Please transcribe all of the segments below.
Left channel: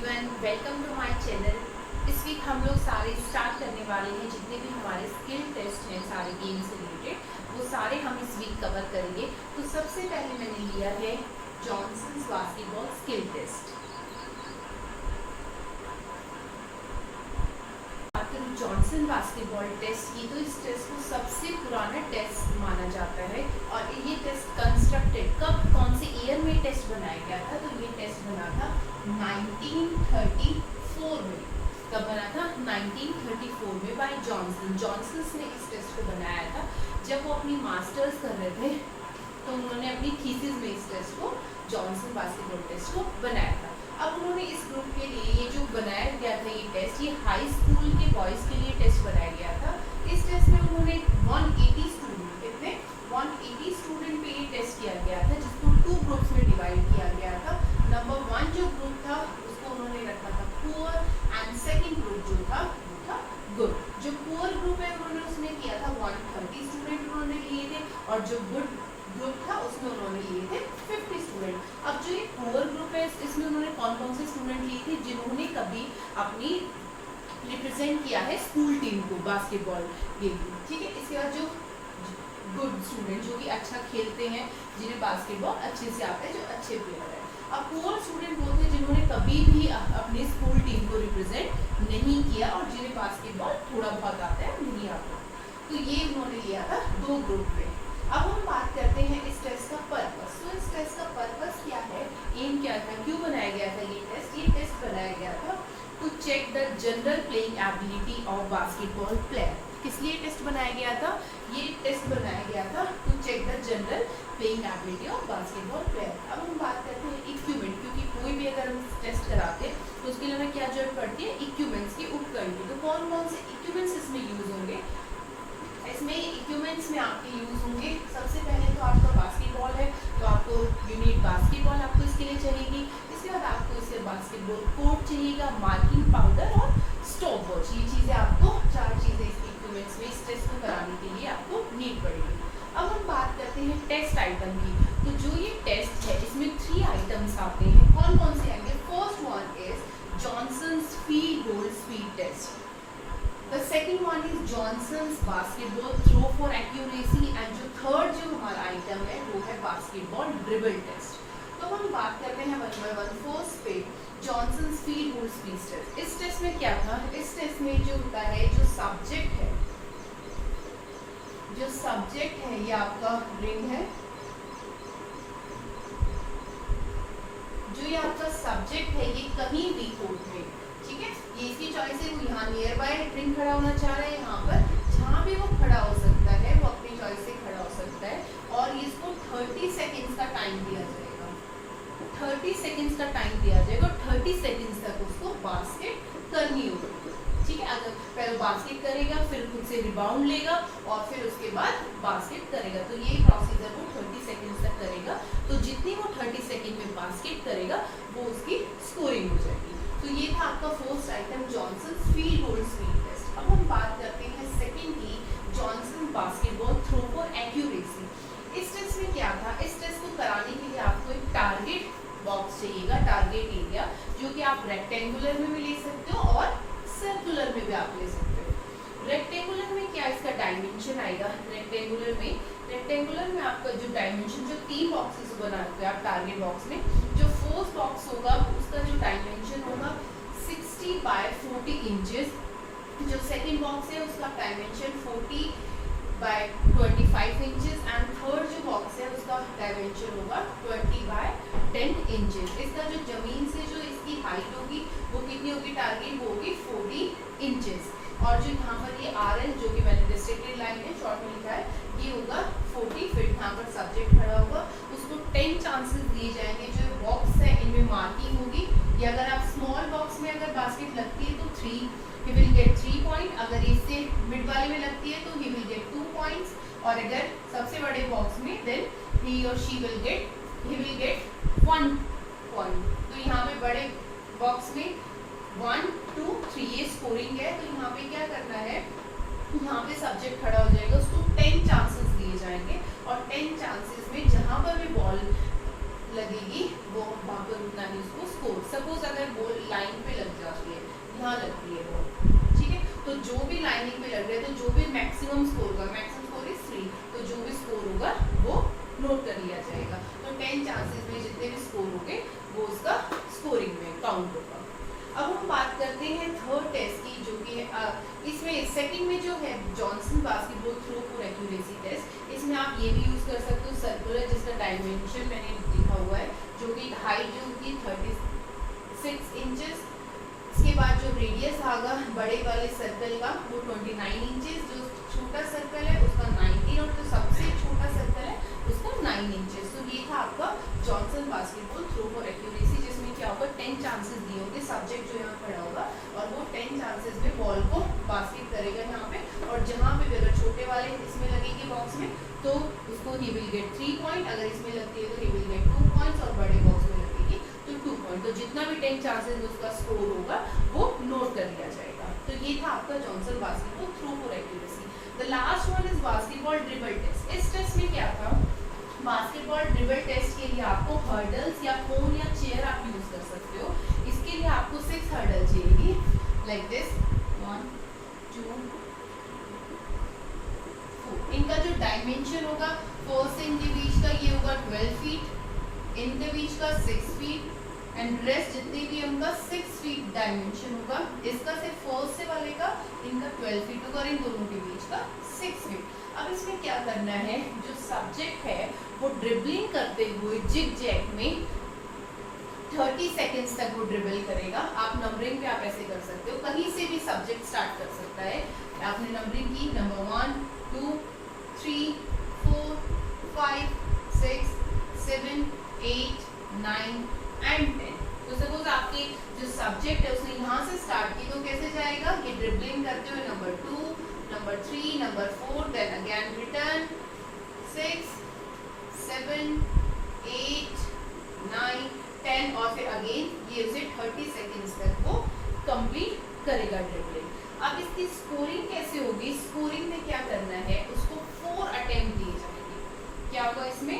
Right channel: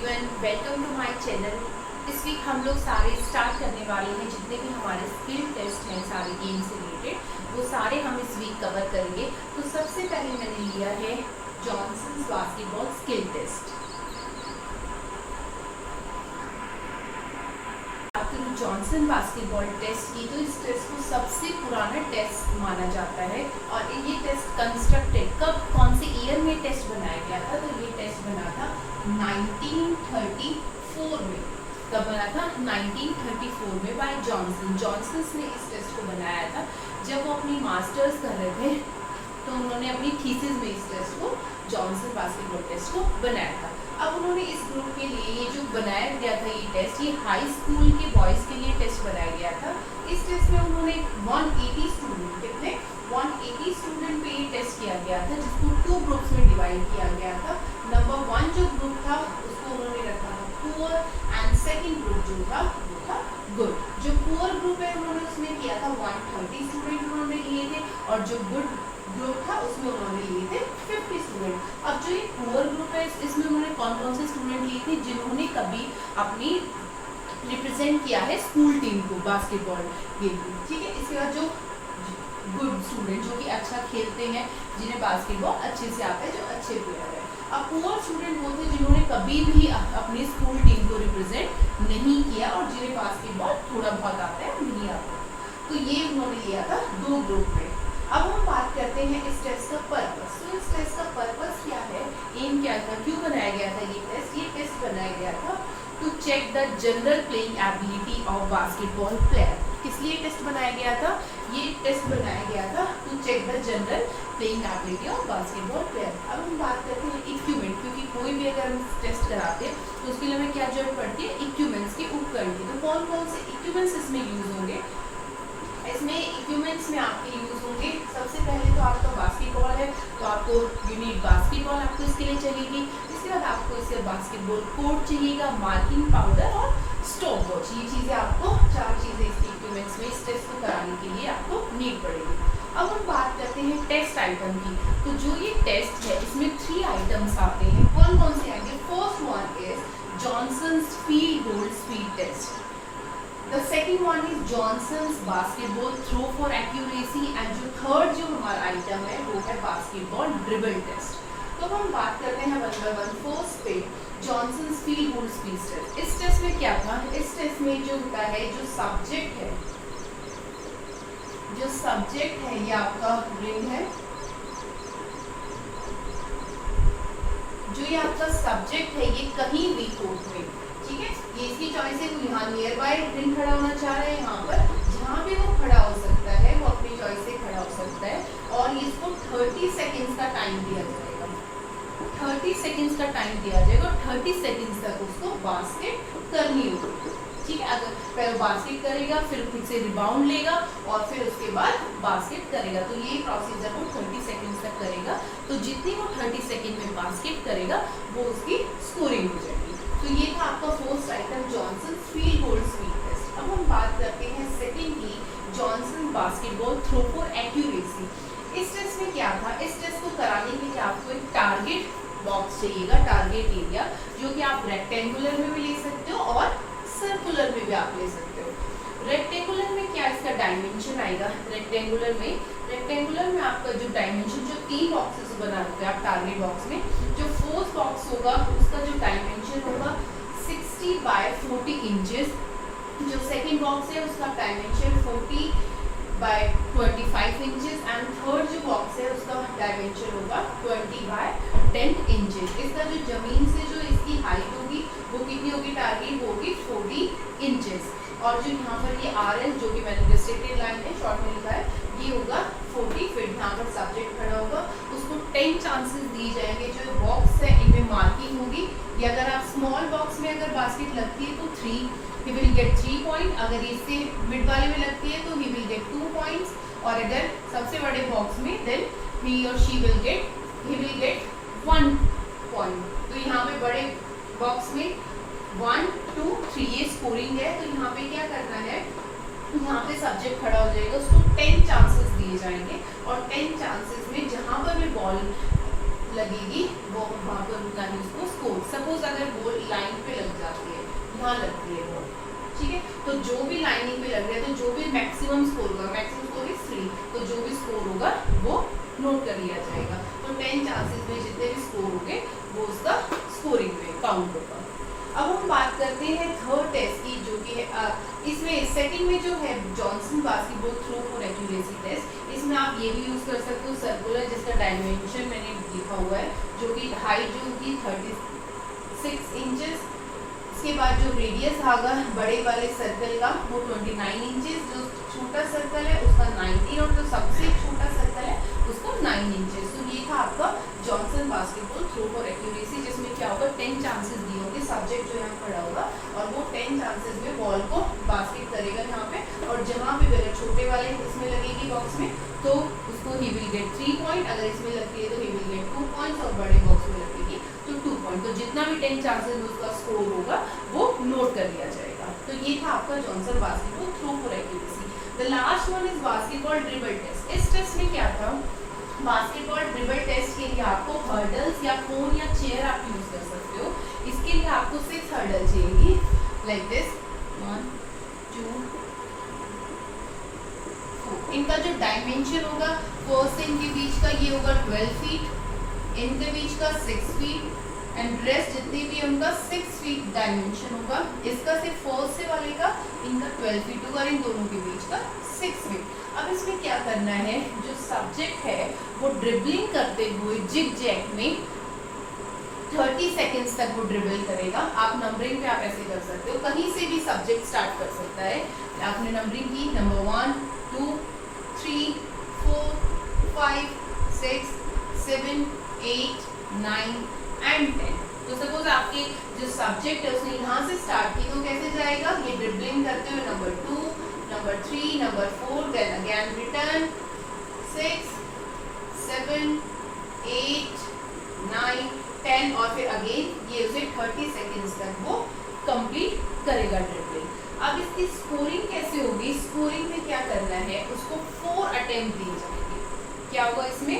Everyone, welcome to my channel. इस week हम लोग सारे स्टार्ट करने वाले हैं, जितने भी हमारे स्किल टेस्ट हैं सारे गेम से रिलेटेड, वो सारे हम इस वीक कवर करेंगे। तो सबसे पहले मैंने लिया है Johnson's basketball skill test. Johnson basketball test की तो इस टेस्ट को सबसे पुराना टेस्ट माना जाता है और ये टेस्ट कंस्ट्रक्टेड कौन से ईयर में टेस्ट बनाया गया था? तो ये टेस्ट बना था 1934 में। कब बना था? 1934 में बाय जॉनसन ने इस टेस्ट को बनाया था। जब वो अपनी मास्टर्स कर रहे थे तो उन्होंने अपनी थीसिस में इस टेस्ट को जॉनसन बास्केटबॉल टेस्ट को बनाया था। अब उन्होंने इस ग्रुप के लिए ये जो बनाया गया था ये टेस्ट, ये हाई स्कूल के बॉयज़ के लिए टेस्ट बनाया गया था। इस टेस्ट में उन्होंने 180 स्टूडेंट, कितने 180 स्टूडेंट पे ये टेस्ट किया गया था, जिसको 2 ग्रुप्स में डिवाइड किया गया था। नंबर 1 जो ग्रुप था उसको उन्होंने रखा था पुअर एंड सेकेंड ग्रुप जो था वो था गुड। जो पुअर ग्रुप है उन्होंने उसमें किया था 130 स्टूडेंट उन्होंने लिए थे और जो गुड ग्रुप था उसमें उन्होंने लिए थे 50 स्टूडेंट। अब जो ये पुअर ग्रुप है इसमें उन्होंने कौन कौन से स्टूडेंट लिए थे? जिन्होंने कभी अपनी रिप्रेजेंट किया है स्कूल टीम को बास्केटबॉल गेम में, ठीक है। इसके बाद जो गुड स्टूडेंट जो कि अच्छा खेलते हैं, जिन्हें बास्केटबॉल अच्छे से आता है, जो अच्छे प्लेयर है। अब पुअर स्टूडेंट वो थे जिन्होंने कभी भी अपनी स्कूल टीम को रिप्रेजेंट नहीं किया और जिन्हें बास्केटबॉल थोड़ा बहुत आता है, नहीं आता। तो ये उन्होंने लिया था 2 ग्रुप में। अब हम बात करते हैं इस टेस्ट का पर्पस। तो इस टेस्ट का पर्पस क्या है, एम क्या था, क्यों बनाया गया था ये टेस्ट? ये टेस्ट बनाया गया था to check the general playing ability of basketball player. किस लिए टेस्ट बनाया गया था? ये टेस्ट बनाया गया था to check the general playing ability of basketball player. अब हम बात करते हैं इक्विपमेंट, क्योंकि कोई भी अगर हम टेस्ट कराते हैं तो उसके लिए हमें क्या जरूरत पड़ती है? इक्विपमेंट्स की, उपकरण की। तो कौन कौन से इक्विपमेंट्स इसमें यूज होंगे? इसमें इक्विपमेंट्स में आपके यूज होंगे, सबसे पहले तो आपका बास्केटबॉल है तो आपको यूनिट बास्केटबॉल आपको इसके लिए चाहिएगी। इसके बाद आपको इसके बास्केटबॉल कोर्ट चाहिएगा, मार्किंग पाउडर और स्टॉप वॉच। ये चीज़ें आपको 4 चीज़ें इसके इक्विपमेंट्स में इस टेस्ट को कराने के लिए आपको नीड पड़ेगी। अब हम बात करते हैं टेस्ट आइटम की। तो जो ये टेस्ट है इसमें 3 आइटम्स आते हैं। कौन कौन से आएंगे? First one is Johnson's field goal speed test. The second one is Johnson's basketball throw for accuracy and जो थर्ड जो हमारा आइटम है वो है बास्केटबॉल ड्रिबल टेस्ट। तो हम बात करते हैं 1 by 1 फर्स्ट पे Johnson's field goal speed test. इस टेस्ट में क्या था? इस टेस्ट में जो होता है, जो सब्जेक्ट है ये आपका रिंग है। जो ये आपका सब्जेक्ट है ये कहीं भी कोर्ट में, ठीक है, ये इसकी चॉइस है। तो यहाँ नियर बाय रिंग खड़ा होना चाह रहे हैं, यहाँ पर जहाँ भी वो खड़ा हो सकता है वो अपनी चॉइस से खड़ा हो सकता है और इसको 30 सेकेंड्स का टाइम दिया जाएगा। 30 सेकेंड्स का टाइम दिया जाएगा और 30 सेकेंड्स तक उसको बास्केट करनी होगी, ठीक है। अगर पहले बास्केट करेगा, फिर खुद से रिबाउंड लेगा और फिर उसके बाद बास्केट करेगा। तो ये प्रोसीजर वो 30 सेकेंड्स तक करेगा। तो जितनी वो 30 सेकेंड में बास्केट करेगा वो उसकी स्कोरिंग हो जाएगी। तो ये था आपका first item Johnson field goal speed test. अब हम बात करते हैं secondly Johnson basketball throw for accuracy. इस टेस्ट में क्या था? इस टेस्ट को कराने के लिए आपको एक टारगेट बॉक्स चाहिएगा, टारगेट एरिया, जो कि आप रेक्टेंगुलर में भी ले सकते हो और सर्कुलर में भी आप ले सकते हो। रेक्टेंगुलर में क्या इसका डायमेंशन आएगा? रेक्टेंगुलर में आपका जो डायमेंशन, जो 3 बॉक्सेस बनाते हैं आप टारगेट बॉक्स में, जो फर्स्ट बॉक्स होगा उसका जो डायमेंशन होगा 60 by 40 इंचेस। जो सेकेंड बॉक्स है उसका dimension 40 by 25 inches and third जो बॉक्स है उसका डायमेंशन होगा 20 by 10 इंचेस। इसका जो जमीन से जो इसकी हाइट होगी वो कितनी होगी? टारगेट होगी 40 इंचेस। और जो यहाँ पर ये RL जो कि मैंने डिस्ट्रेटेड लाइन है शॉर्ट में लिखा है, ये होगा 40 फीट। यहाँ पर सब्जेक्ट खड़ा होगा, उसको 10 चांसेस दिए जाएंगे। जो बॉक्स है इनमें मार्किंग होगी, या अगर आप स्मॉल बॉक्स में अगर बास्केट लगती है तो 3, ही विल गेट 3 पॉइंट। अगर इससे मिड वाले में लगती है तो ही विल गेट 2 पॉइंट्स। और अगर सबसे बड़े बॉक्स में देन ही और शी विल गेट 1 पॉइंट। तो यहाँ पे बड़े बॉक्स में 1, 2, 3 ये स्कोरिंग है। तो यहाँ पे क्या करना है, यहाँ पे सब्जेक्ट खड़ा हो जाएगा, उसको 10 चांसेस दिए जाएंगे और 10 चांसेस में जहाँ पर भी बॉल लगेगी वो वहाँ पर रुकना है उसको स्कोर। सपोज अगर बॉल लाइन काउंट होगा। अब हम बात करते हैं थर्ड टेस्ट की, जो कि इसमें सेकंड में जो है Johnson basketball throw for accuracy test. इसमें आप ये भी यूज कर सकते हो सर्कुलर, जिसका डायमेंशन मैंने लिखा हुआ है, जो कि हाइट जो होगी 36 इंचेस। इसके बाद जो रेडियस आएगा बड़े वाले सर्कल का वो 29 इंचेस, जो छोटा सर्कल है उसका 19 और जो सबसे छोटा सर्कल है उसका 9 इंचेस। तो ये था आपका Johnson basketball throw for accuracy, जिसमें क्या होगा 10 चांसेस दिए होंगे, सब्जेक्ट जो यहाँ पड़ा होगा और वो 10 चांसेस में बॉल को बास्केट करेगा यहाँ पे, और जहाँ पे अगर छोटे वाले इसमें लगेगी बॉक्स में तो उसको ही विल गेट 3 पॉइंट, अगर इसमें लगती है तो ही विल गेट 2 पॉइंट्स, और बड़े बॉक्स में लगेगी तो 2 पॉइंट। तो जितना भी 10 चांसेस में उसका स्कोर होगा वो नोट कर लिया जाएगा। तो ये था आपका Johnson basketball throw for accuracy. The last one is basketball dribble test. इस टेस्ट में क्या था, बास्केटबॉल ड्रिबल टेस्ट के लिए आपको हर्डल्स या कोन या चेयर आप यूज कर सकते हो। इसके लिए आपको 6 हर्डल चाहिए, लाइक दिस 1 2 4। इनका जो डायमेंशन होगा फर्स्ट से इनके बीच का ये होगा 12 फीट, इनके बीच का 6 फीट, एंड रेस्ट जितने भी उनका 6 फीट डायमेंशन होगा। इसका सिर्फ फर्स्ट से वाले का इनका 12 फीट होगा और इन दोनों के बीच का 6 फीट। अब इसमें क्या करना है, जो सब्जेक्ट है वो ड्रिबलिंग करते हुए जिग जैग में 30 सेकेंड्स तक वो ड्रिबल करेगा। आप नंबरिंग पे आप ऐसे कर सकते हो, कहीं से भी सब्जेक्ट स्टार्ट कर सकता है। आपने नंबरिंग की नंबर 1 2 3 4 5 6 7 8 9 एंड 10। तो सपोज आपके जो सब्जेक्ट है उसने यहाँ से स्टार्ट की तो कैसे जाएगा, ये ड्रिबलिंग करते हुए number 2 number 3 number 4, then again return 6 7 8 9 10, और फिर अगेन ये उसे 30 सेकेंड्स तक वो कंप्लीट करेगा ड्रिबलिंग। अब इसकी स्कोरिंग कैसे होगी, स्कोरिंग में क्या करना है, उसको 4 अटेम्प्ट दिए जाएंगे। क्या होगा इसमें,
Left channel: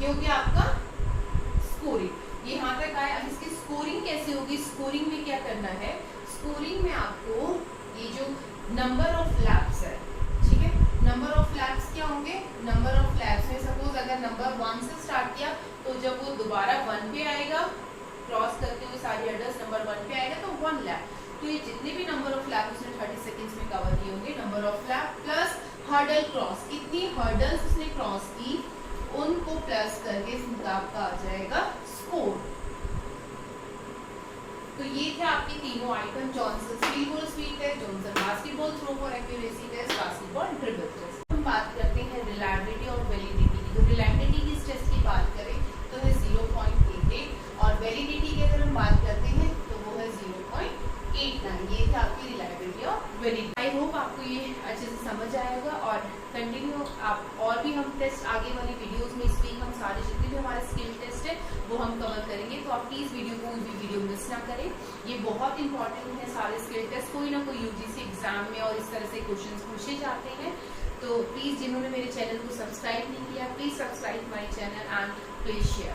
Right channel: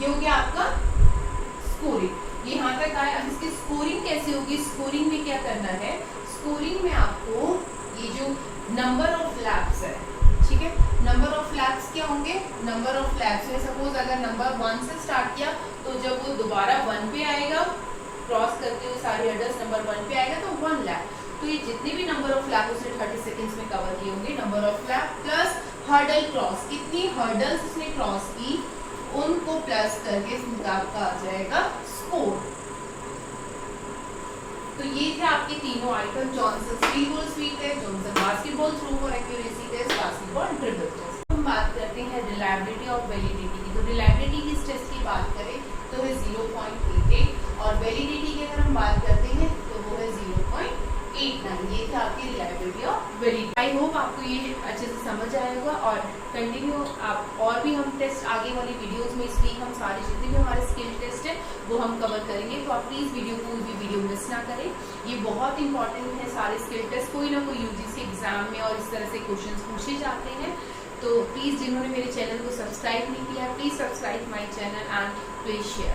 ये हो गया आपका स्कोरिंग, ये यहाँ तक आया। अब इसकी स्कोरिंग कैसे होगी, स्कोरिंग में क्या करना है, स्कोरिंग में आपको ये जो नंबर ऑफ लैप्स है, ठीक है, नंबर ऑफ लैप्स क्या होंगे, नंबर ऑफ लैप्स में सपोज अगर नंबर 1 से स्टार्ट किया तो जब वो दोबारा 1 पे आएगा, क्रॉस करते हुए सारी हर्डल्स नंबर 1 पे आएगा तो 1 लैप। तो ये जितने भी नंबर ऑफ लैप उसने 30 सेकेंड्स में कवर किए होंगे, number of lap plus hurdle cross, कितनी हर्डल्स उसने क्रॉस की उनको प्लस करके आपका आ जाएगा स्कोर। तो ये थे आपके तीनों item, Johnson free ball sweet test, Johnson basketball throw for accuracy test, basketball dribble test. हम बात करते हैं रिलायबिलिटी और वैलिडिटी की। तो रिलायबिलिटी की इस टेस्ट की बात करें तो है 0.88, और वैलिडिटी की अगर हम बात करते हैं तो वो है 0.89। ये थे आपकी रिलायबिलिटी और वैलिडिटी। आई होप आपको ये अच्छे से समझ आएगा, और कंटिन्यू आप और भी हम टेस्ट आगे वाली वीडियोस में इस वीक हम सारे जितने भी हमारे स्किल टेस्ट है वो हम कवर करेंगे। तो आप प्लीज वीडियो को भी वीडियो मिस ना करें, ये बहुत इंपॉर्टेंट है सारे स्किल टेस्ट। कोई ना कोई यूजीसी एग्जाम में और इस तरह से क्वेश्चन पूछे जाते हैं। तो प्लीज जिन्होंने मेरे चैनल को सब्सक्राइब नहीं किया, please subscribe my channel and please share.